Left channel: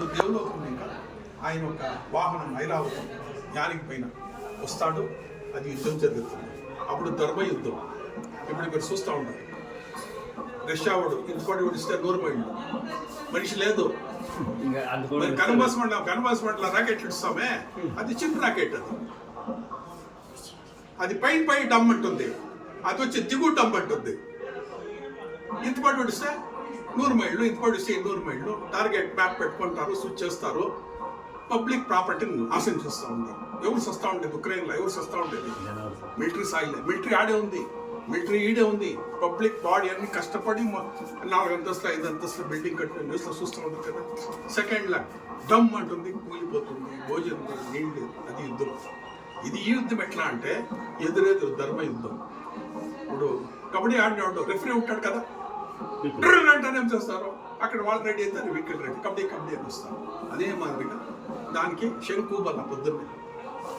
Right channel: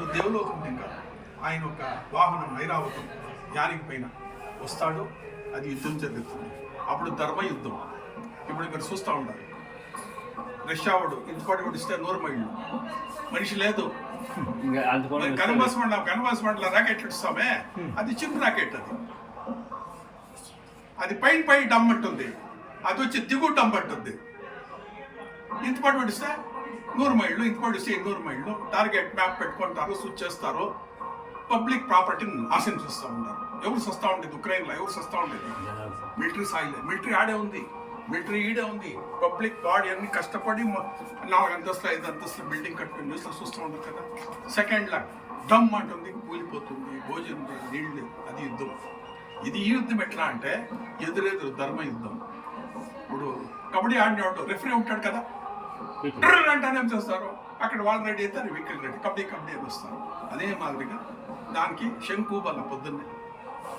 దేవులోకం ఇంకా ఆయన ఒక వాహనం ఐరావతం యానికి పైన వస్తాడు. అది యుద్ధం జరుగుతుంది. అప్పుడు ధర్మ యుద్ధం. ఇప్పుడు ఇక్కడ చూస్తూ ఉంటారు. రష్యావాడు ఇంతపాటు విడిస్తే 100 మైళ్ళు మనిషి లేదు. కనబాస్ మండల రాకెట్ ఇస్తామే, అది చిప్ రాకెట్. అది పైన డమ్ అంటుంది, అది వచ్చి దిగు డమ్ అంటుంది. ఇంతపాటు విడిస్తే 100 మైళ్ళు, ఇంతపాటు వస్తే 200 మైళ్ళు. టార్గెట్ మ్యాప్ పెట్టుకుంటారు, స్విచ్ చేస్తారు. పబ్లిక్ ప్రాపర్టీని నాశనం చేస్తూ ఉంటారు. ఎవరు సస్తా ఉండేది ఉక్రెయిన్లో? ఎవరు సస్తా ఉండేది? Military soil. మిలిటరీ ఆడే ఉంది, మిలిటరీ ఈడే ఉంది. పబ్లిక్ బాడీ అన్ని కష్టపడి 4 అంతస్తులు 5 అంతస్తులు బిల్డింగ్ కట్టుకుని న్యూస్లో చూస్తూ ఉంటారు కదా. సెకండ్ లా డమ్ అంటుంది, కూలిపోతుంది. భోజనం నీళ్ళు, అది యుద్ధం. ఇది ఈ యుద్ధం ఎట్లా అంటే ఎదురెదురు ధర్మ యుద్ధం. ఇప్పుడు కబడ్డీ ఆడినవాడు రెఫరీ ఉంటాడు కదా, అంటానే ఏం చేస్తారు, అక్కడ వాళ్ళు రెడీ అయితే అది వికెట్ రెడీ, కబడ్డీ అని వస్తారు. అదే మాదిరిగా దానికి శంకు బల పొద్దున్నే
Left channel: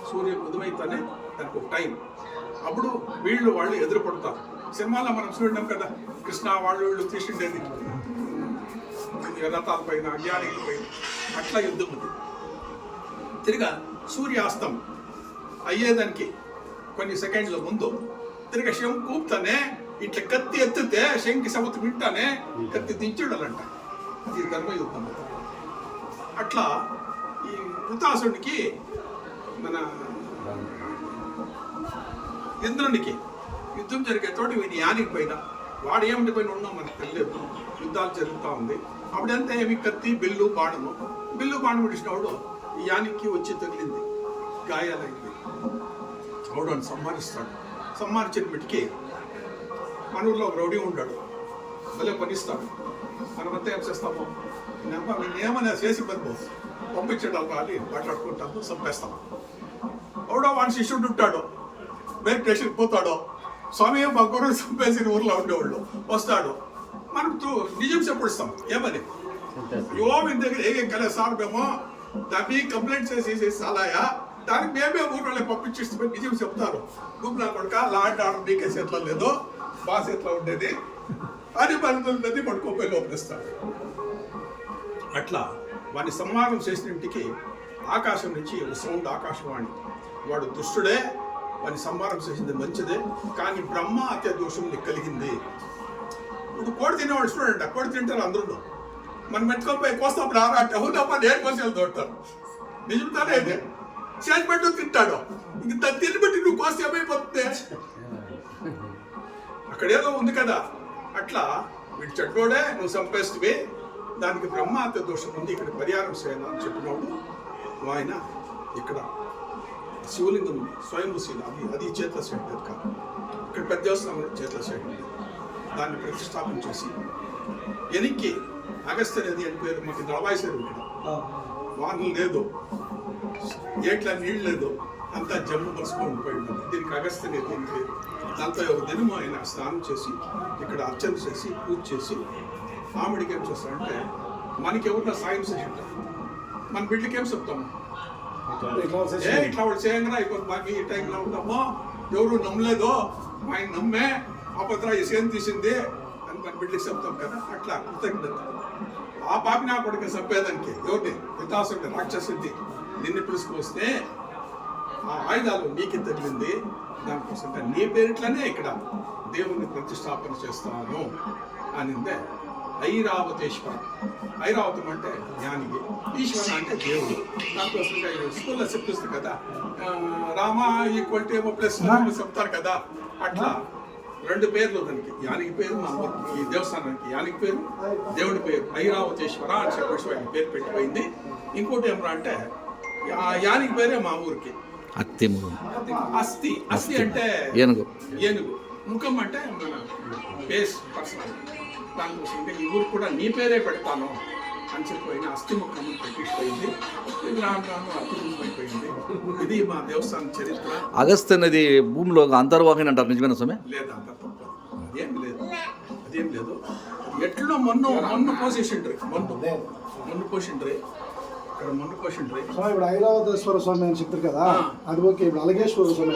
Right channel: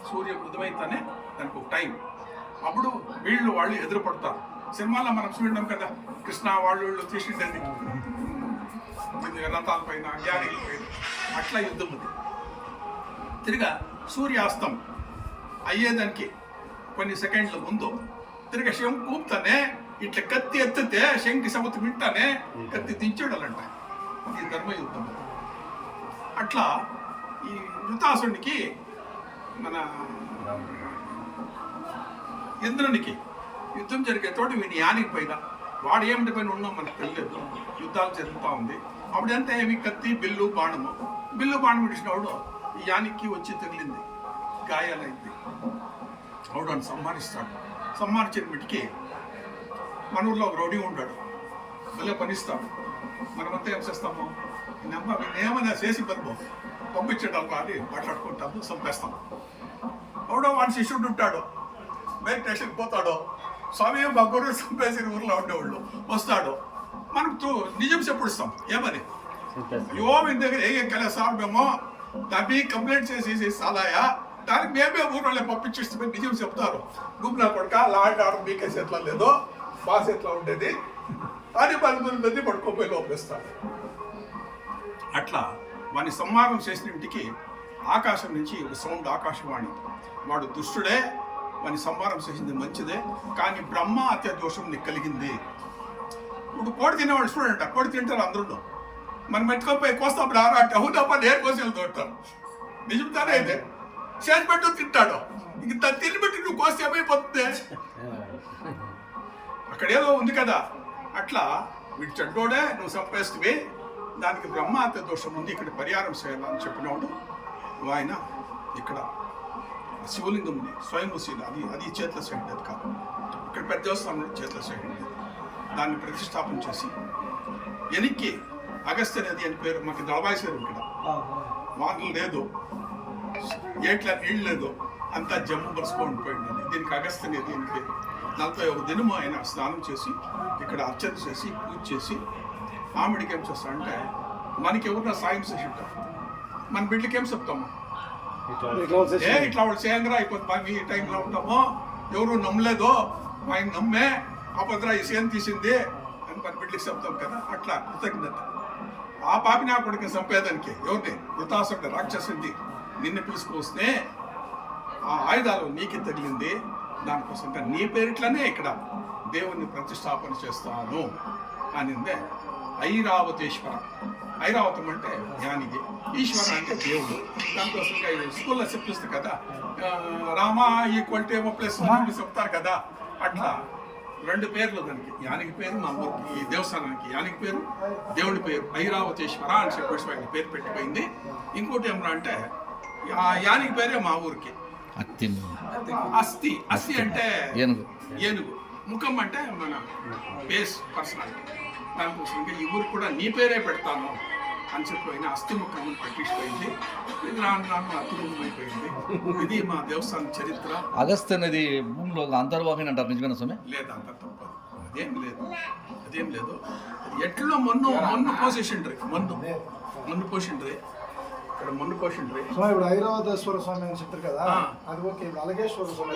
సూర్యం ఉదయమైతేనే దానికి ఒక టైం. అప్పుడు వాళ్ళు ఎదురు పడతారు. సినిమాలో మనం చూడడం కదా, కృష్ణ వాళ్ళు తీసిండేది రథాల పైన, జ్ఞానికుల పైన, అట్లా యుద్ధం ఉంది. తిరిగా సూర్యాస్తం అయ్యేదానికి కొన్ని సెకండ్ల ముందు తిరిగి శంకుతానే ఇట్లా కత్తి ఎత్తితే శంకి సముద్రం వింటానే కత్తి దించుడాలంట. అది ధర్మయుద్ధం. అట్లా ఈ వృతాసునికి మన ఇంద్రునికి యుద్ధం జరిగే తోటి వీడి యానికి పైన వాడు ఏమిటి పైన ఉన్నాం మనకు తెలియదు. యుద్ధాలు జరుగుతూ ఉంది. అప్పుడంతా ఏమి కత్తి బిల్లు బాణం విడిచినవాడు ఈ యానికి వచ్చి తగిలింది, గాయాలైంది. ఆవిడ అని సంహరిస్తాడు. సంహరించిన బిడ్డకి మన ఊళ్ళో ఒక రౌడీ ఉంటాడు, భలే పనిస్తాడు. మనమంతా ఏం చేస్తాము, నేనేమైనా చేసి పంపించడం కానీ మాట్లాడుకుంటాము, చంపేస్తాము. ఎవడో వాడి శిష్యుడు ఉంటాడు, బైక్ స్టేషన్కి పోతాడు. స్వామి మా గురువు చంపేసి ఊర్లో ఉండేవాళ్ళు వస్తాడు. మనం నిజం చెప్పిస్తాం. ఏమని మీ దగ్గర ఏం కలే సార్, మేము దాన్ని కంప్లైంట్ చేసి సాలాయా, దానికి మేమే ఊళ్ళో పంపించేస్తే నిజం చెప్తారు. గుమ్లా కొడుక లాంటి ఆర్డర్ బీకేసి ఎట్లా లేదో బాస్ ఎట్లా ఉండేది అది 10 మంది పడుకోపోయి లోపలిస్తాడు. అట్లా వాడిని సంహారం చేసిన ఇంటికి ఆకాశం నుంచి సౌండ్, ఆకాశవాణి. వాడు దుష్టుడే, వాడిని సంహారం చేసింది మంచిదే, కానీ బ్రహ్మ హత్య దోషం నీకు కలిగింది. ఇప్పుడు కోడి తినేవాడు చూడండి, కోడి తింటారు అందరూ. మనం ఎత్తుకోపోయి కోస్తాం రారా అంటే అవునప్ప నేను కోసి వెళ్తుంటారు. నిజంగానే అదే చేసి పెట్టు తింటాడు. ఇంక తిని పెట్టి నువ్వు కోస్తే ఏమైపోతుంది? అక్కడేదో ఉంది కదా. అట్లా వీడు చెడ్డోడే, నువ్వు చంపేస్తే దానికి బ్రహ్మహత్య దోషం ఉంది, ఇక్కడ పరిహారం చేయాలని చెప్పినవాడు ఆయన. ఇక్కడ శివలింగం ఉంది, స్వయంభూశీల, అది చేతుల సైడ్ కాదు. ఇక్కడ పెద్ద దేవస్థానంలో చేతుల సైడ్ ఉంది. దాన్ని ప్రతిష్టాపన చేసి ఎనికి అగస్త్య నది అని పేరు. మాకు దళవాయిసేరు ఇక్కడ వానలు లేదు, ఏట్లా నీళ్ళు లేదు, అంతా జమ్ము పరుచుకొని పోయింది. దీనికి అగస్త్య నది అని పేరు. 41 దినము ఆయన స్నానం చేసి ఇక్కడ అర్చన చేసి పూజ చేసి ఆమెడికి ఏం చేస్తాడంటే, మనకి ఎవరిన సాయం చేసి ఉంటారు, మన బిడ్డకి ఏం చెప్తాము, ఇట్లా వాళ్ళు చేయంగా అయిపోతుంది, మాకు ఈ టైంలో ఉంటామో, ఎవరు నమ్మలేదో ఆయన నమ్మే అపద్ర ఈ సేన్ తీసింది అని మన బిడ్డకి చెప్తాం కదా. అట్లా కృతజ్ఞత. ఆ పాపి నా కొడుకు చంపేదానికి ఎవరిని, వృతాసుడి రాక్షసుడి నిన్ను పిలుచుకొస్తే ఆ ఆయుధాలు నీకు తగిలింది. దానికోసం నీ పేరిట్లనే ఇక్కడ దేవుణ్ణి ప్రతిష్టాపన చేస్తాను అనిందే ఐరావతేశ్వర. ఐరావతం అంటే జ్ఞానికి, ఈశ్వర అంటే దేవుడు. దానికోసం స్కూల్లో చెప్పిస్తుంది కదా, రామ ఈక్వల్ టు ఏమో ప్లస్ చెప్తారు కదా. అట్లా 2 పేర్లు దానికి. యానికి పేరు మా ఊరికి, ఈ దేవస్థానానికి యానికి పేరు, దేవుడి పేరు ఐరావతేశ్వర అని చెప్పేసి వాడికి పేరు పెట్టిపోయింది. ఇంకోటి ఏమన్నా అంటే ఆ యానికి పేరే మా ఊరికి అస్థి అంటే ఏనుగు, ముఖం అంటే మన ఫేస్ పర్సనాలిటీ. దానికోసం ఈ ఊరికి కూడా నీ పేరే పెడతాను అని చెప్పి అస్థి ముఖం పెట్టిపోయింది. రాను అర్థముఖం అయిపోయింది. ఇది మా దేవస్థానం చరిత్ర. అగస్త్య నది భూమిలో అంతర్వాహిని అంటారు, నిజమైన సమయం లేదు, అంత తప్పదు. అదేం లేదు. ఎట్లో మొన్ను పోసేసిండ్రి, మొన్ను పోసిండ్రి. ఇప్పుడు ఐరావతేశ్వర స్వామి అని చెప్తారు కదా, అది ఓకే. ఇప్పుడు అలగేశ్వర స్వామి